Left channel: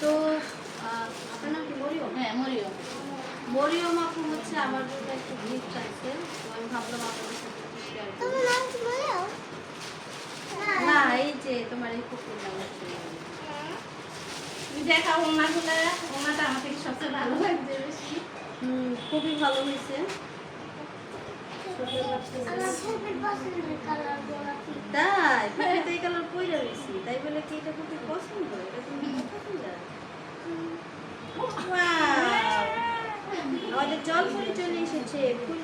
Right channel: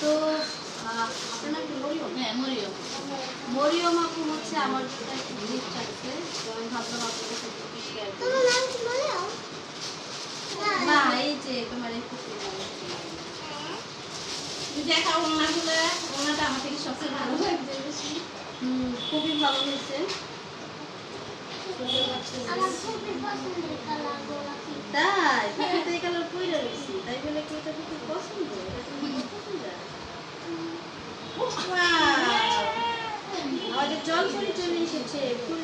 তো আহ, নাম কি মরিয়ম। হ্যাঁ মরিও মরিয়ম আপু হচ্ছে আমার জন্য একটু গিফট রাখছে তো আমি ভাবলাম আপনাদের সাথে একটু করি। না এই যে তোমার এই কুকুর নাম হচ্ছে মরিয়ম। তুমি দেখাও ওনাগুলো ওনাটা আমার থেকে সবচেয়ে ভালো লাগছে বেশি। খুবই ভালো হয়েছে। খুবই তাই? এই কালার পরে রয়েছি। তাই বলে কি এটা খুব পছন্দ! আমাদের জল চলে এসেছে ফুল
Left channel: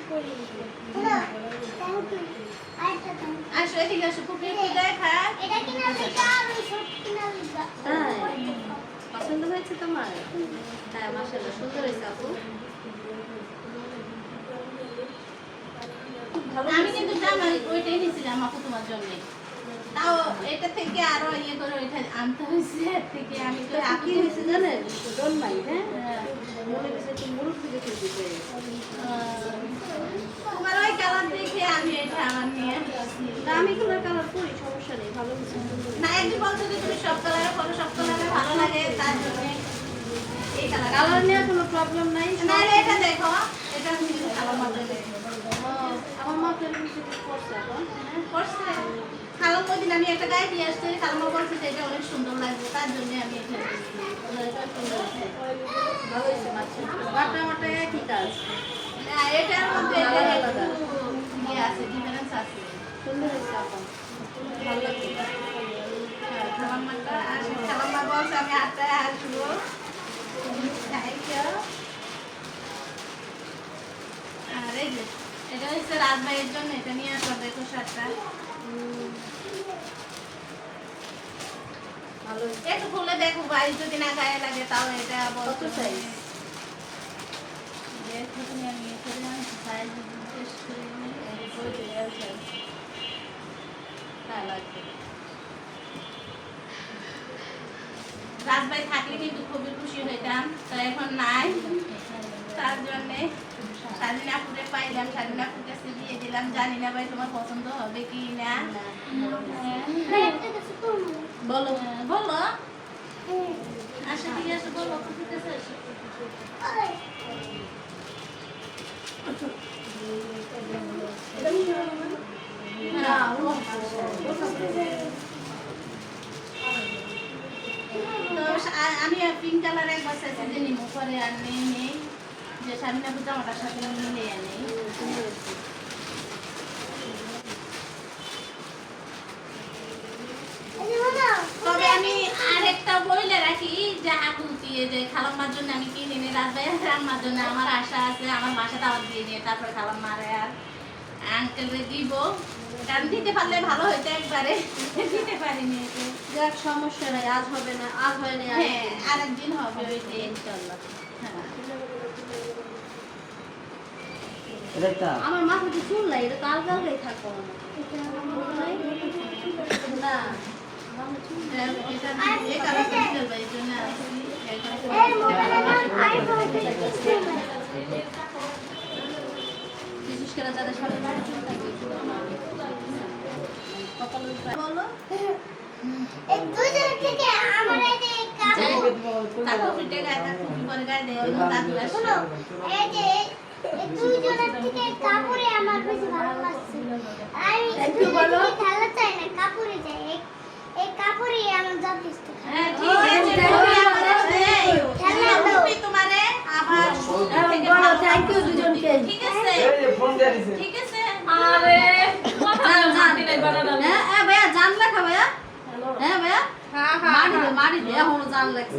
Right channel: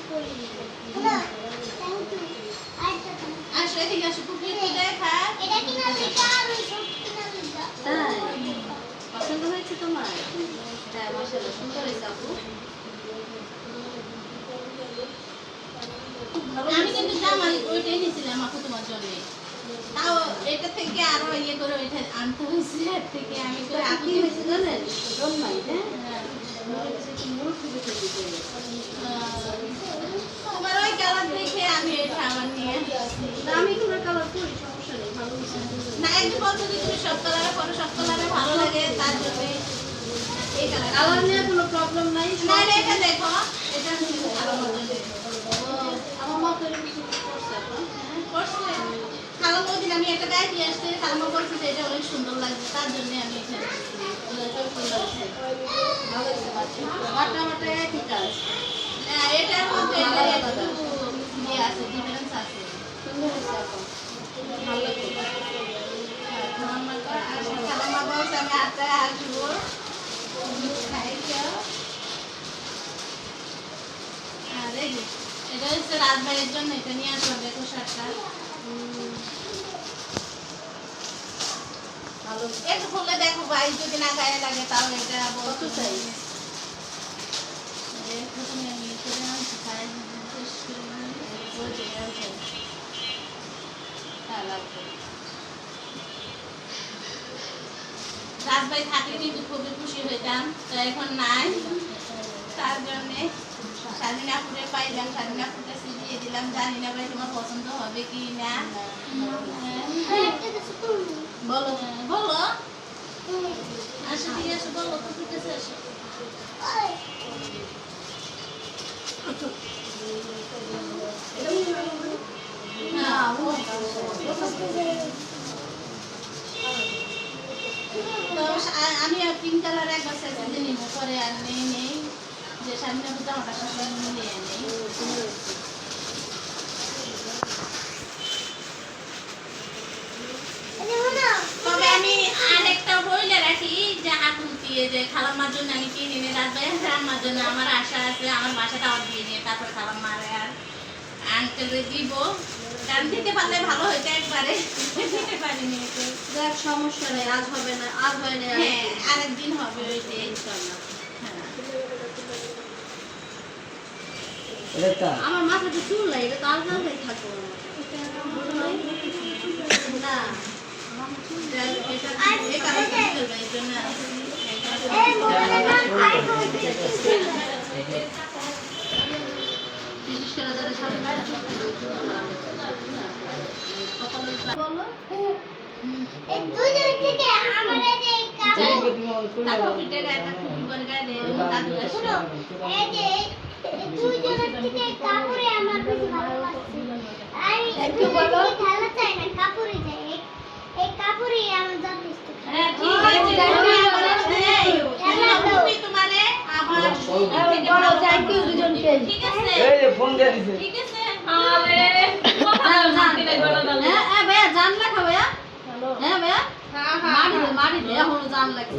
আসো এদিকে আসো পুকুরে দেখা। এটা পছন্দ হয়েছে তোমার? হ্যাঁ মাসাল্লাহ সুন্দর হয়েছে আপু। আমি কিন্তু জামা ওইটাই নিয়েছিলাম আপু তোমার জন্য। তাও এটা থেকে আরও ইয়ে করে ওইটা আনতে হয়েছে এর থেকে আমি তো কি হয়েছে জানেন? দম নাই হ্যাঁ। হ্যাঁ। মনে হচ্ছে একটু মুরুখ থেকে থেকে তোমার ওই কালার দেখে আমি এটা আমার নিয়ে আমি কোনো কালার করি সমস্যা নেই ভালো না একদিন বলছো যে তুমি সব কালারে পরো সব কালারে ভালো লাগে তার জন্য এই কালার কালার নিয়ে কোনো প্রবলেম নাই না এটা দেখো এটা আমার মা তো কিছু করছে এখন করছে। খালাম দিন আমি একটা গায়ে দিয়ে আসছি খালামা বলছে যে এটা অনেক সুন্দর লাগছে তার জন্য আমি এটা না, এটার মধ্যে ইয়ে আছে ডিফারেন্স আছে। সুন্দর লাগছে। হ্যাঁ, বলছে আমি হচ্ছে রাজভাইয়ের জন্য এটা নিয়ে আসব বেকো হুম। ভালো একটু খুলে দেখো ভাই যদি না গায়ে লাগে তাও এটা বলতে size? দেখো তুমি আমি করে জিজ্ঞেস করে। রাজভাই থাকলে কিন্তু খুবই খুশি হইতাম তো এখন নাই তার জন্যে স্বাধীনাপুরে পাইলাম স্বাধীনাপুর কাছে দিয়ে দিলাম। জানি না ভাই তোমার পছন্দ হবে কি না। হ্যাঁ। বলো। বলো। আসো ঠিক আছে বলো কাছে আসো। ও। তো আ- আমি পিঙ্ক কালার একবার সাইজে যে নিব পরে আর নেই। সামনে সাথে নেই। তবে আমি আরেকটা বইলে রাখি যে আকুল দিয়ে যে খালাম্মার জন্য আমি কিনে নিই রাজভাই আর আম্মার জন্য আমার আশা আছে আমার বাসা দাওয়াত দিয়ে নিয়ে তারপর খালাম্মারে আর আঙ্কেলরে দিব। কারণ দিতে পারলে ভালো হইতো একবারে। দিতে পারিনি যাক সমস্যা নেই আজ হবে না আজ হয়নি আর হ্যাঁ আরেকদিন হবে ইনশাআল্লাহ হ্যাঁ। এটা আমার মাথাতে চুল নাই এটা তো আলগা হয়ে থাকব না দুইজনের থেকে আমার এই যে কাপড় তারপর পিঠে গায়ে টুপি পরে গায়ে দেয় দাদু আসে। এই যে হ্যাঁ, ঠিক আছে, ভাইয়া মারি দে মারি দে এখন জান লাগছে।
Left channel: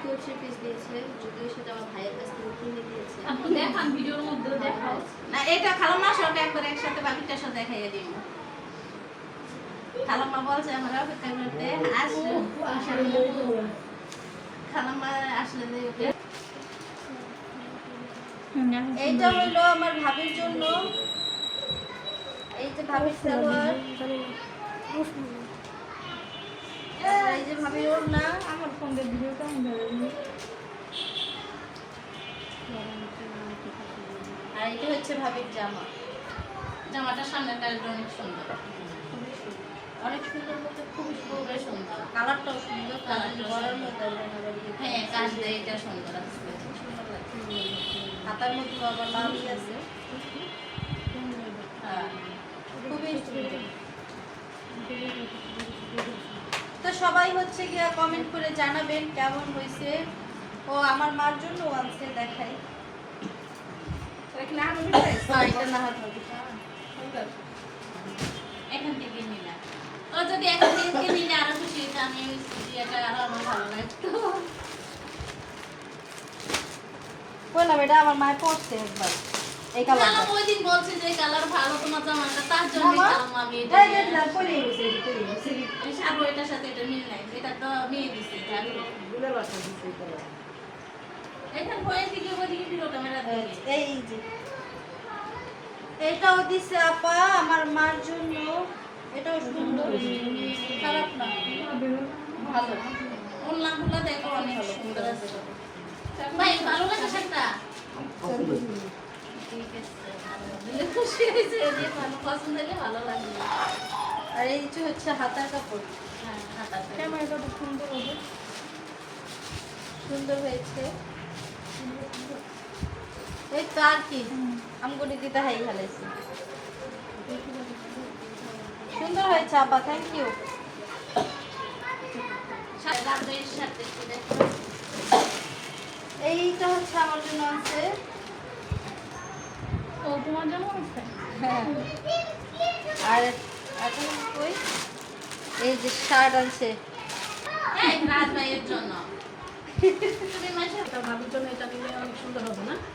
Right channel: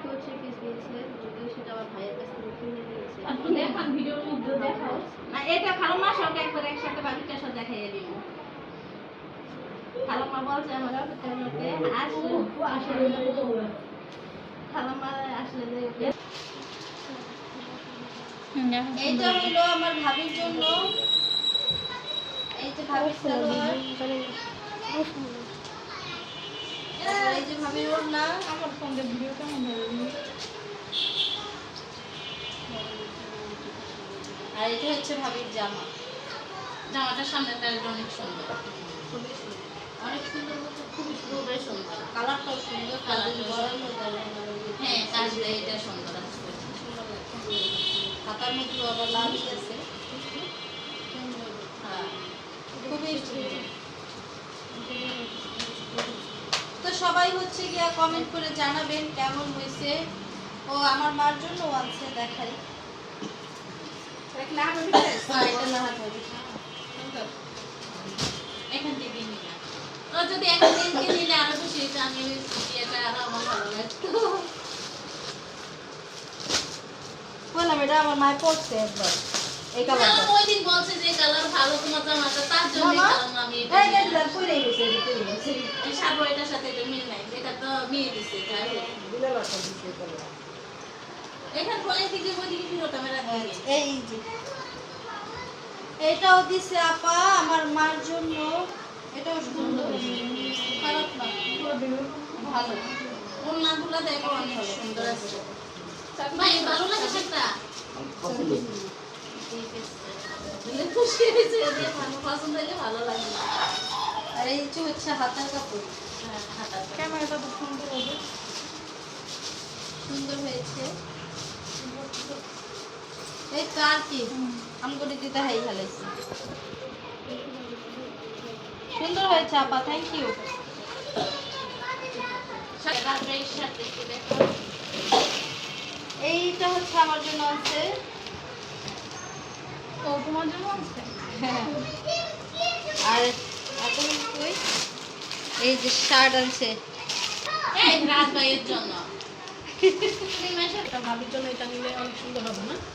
থ্রি পিস দিয়েছে যদিও সেটা আমার ভাইয়ের কাছ থেকে কিনে দিয়েছে। দেখান ভিডিওর মধ্যে দেখাও। না এটা খালাম্মা সব একবার একসাথে বাকিটার সাথে দেখাইয়ে দিব। খালাম্মা বলছে আমার অপেক্ষা করতে আসলে খালাম্মা আসলে এইটা হলো আমার ভাবির জন্য। এই যে ভাবির সালোয়ার। এই যে ভাবির ওড়না। আর এটা হচ্ছে ভাবির জামা। জামাটার সামনের কাজটা অনেক সুন্দর। খুবই সুন্দর। অনেক সুন্দর বলতে খুবই খুবই সুন্দর। কালারটাও সুন্দর কালার গরম মধ্যে হ্যাঁ কাজটা এটা সুন্দর আছে। হাতার মধ্যে আবার লাভই আছে। হ্যাঁ। খুবই তো সবাই হচ্ছে গিয়া কমেন্ট করে জানাবেন কেমন হয়েছে। ও আমার মার জন্য আছে দেখাই হ্যাঁ, এটা না হয় হবে। এখান থেকে নিলাম তো যদি এখান থেকে নিলে আরও খুশি আমি এটা আরও আমার ভালো লাগতো বললাম এটা আমার মায়ের পড়ছে একবার এই কালারটা ওই দিন বলছে যে কালার ভালো তোমার জামাটা তার জন্য মামা, আমি এই যে পরে গেছে, পরে গেছে। এই সাগর এটার সাথে এটা মিল নাই এটা তো মেয়ে দিছে যাই হোক। এখান পরে থেকে ওদিকে ফিরত আমি রাখি এই যে। এইটাও দিছে আপা আমার মার জন্য। এটাও সুন্দর। খারাপ না। ভালো। ওনাগুলো দেখো অনেক সুন্দর আছে। ভাই ভালো লাগে সেটা খুশি হয়েছে ভালো পছন্দ হলে ভালো লাগে। আর এই যে হচ্ছে হাতার কাপড়। হ্যাঁ হাতাটা। সুন্দর হয়েছে। এই তো আর কি। আমগুলি দিতে হাই হালাইছি সুন্দর হয়েছে আপা থ্যাংক ইউ। এইটা হচ্ছে আমার জন্য আছে। হ্যাঁ। আর এখন কই? এই যে শার্ট আছে এই রাত ভাইয়ের জন্য।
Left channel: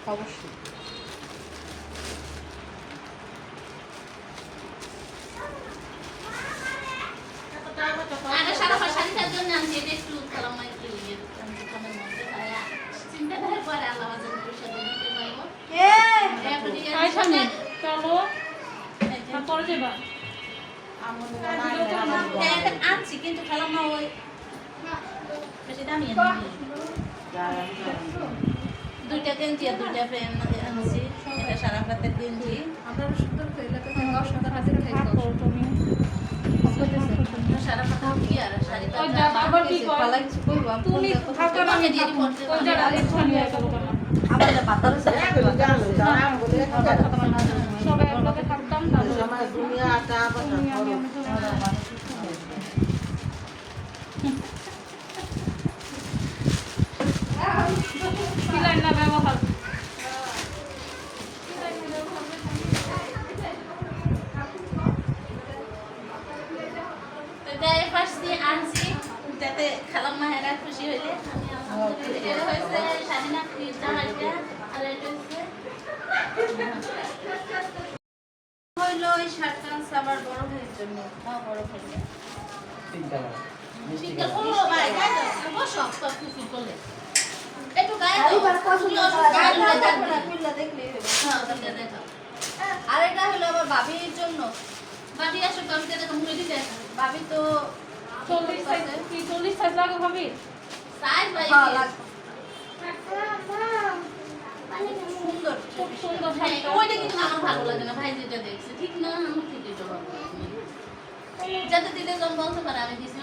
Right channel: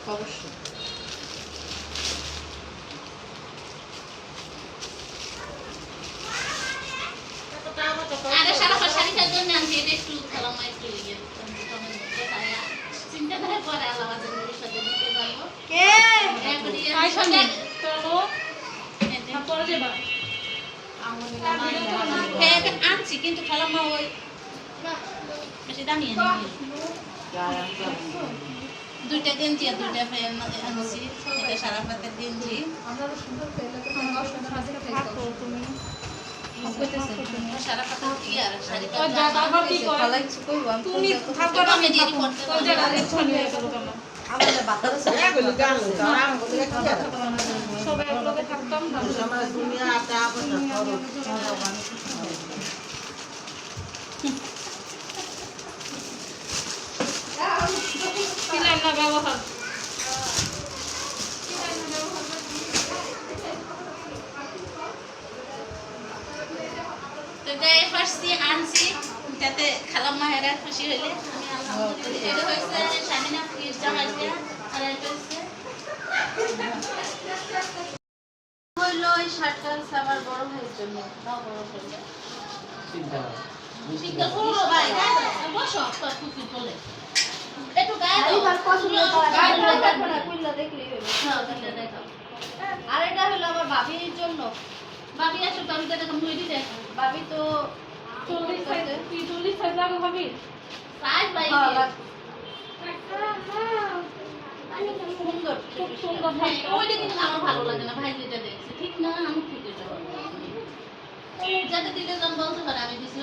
অবশ্যই আরে সারাফা শাড়িটার জন্য আমি এটা একটু খেলাম একটু ইয়ে কমের মধ্যে তাই চিন্তা করে পরে আল্লাহ আছে ওর সাথে দিতে পারব কে এখন ইয়ে কেক আনছি কিন্তু খেলাম না ওই বেশি দামি দুইটা গেঞ্জি আর দুইটা ফ্রেন্ড আনছি। এটা সারা পাতের গেঞ্জি। পালাইছি। কইবো আমি দিয়ে পড়তে আমাদের পাতা আছে তো যাই ফার্স্ট দিয়ে আনছি যাতে খালাম মাহেরা খুশি হইলে। আমি আলহামদুলিল্লাহ এটা হয়েছে শামিনা ফ্রিজ জামাইটা আর এটা হইল শার্টটা বড় জন্য। তাও বড় বসো সব চলে। একটু গায়ে দাও। পছন্দ হলো। ওটা দেখো। আর এটা হলো আমার ভাবির জন্য। ভাবি আসো কবিতা দেখো মুড়ি দেখো ভাবি তো সাইজ ভাই হ্যাঁ, লাগবে। সুন্দর খুব সুন্দর ভাই ওইটা কিন্তু আমার ভালো লাগে না ভাই যেটা দেখছে ঠিক না আমি ঠিক এটা ভালো লাগে না। যাতে দিলে জন বলতে পারে আমি দিছি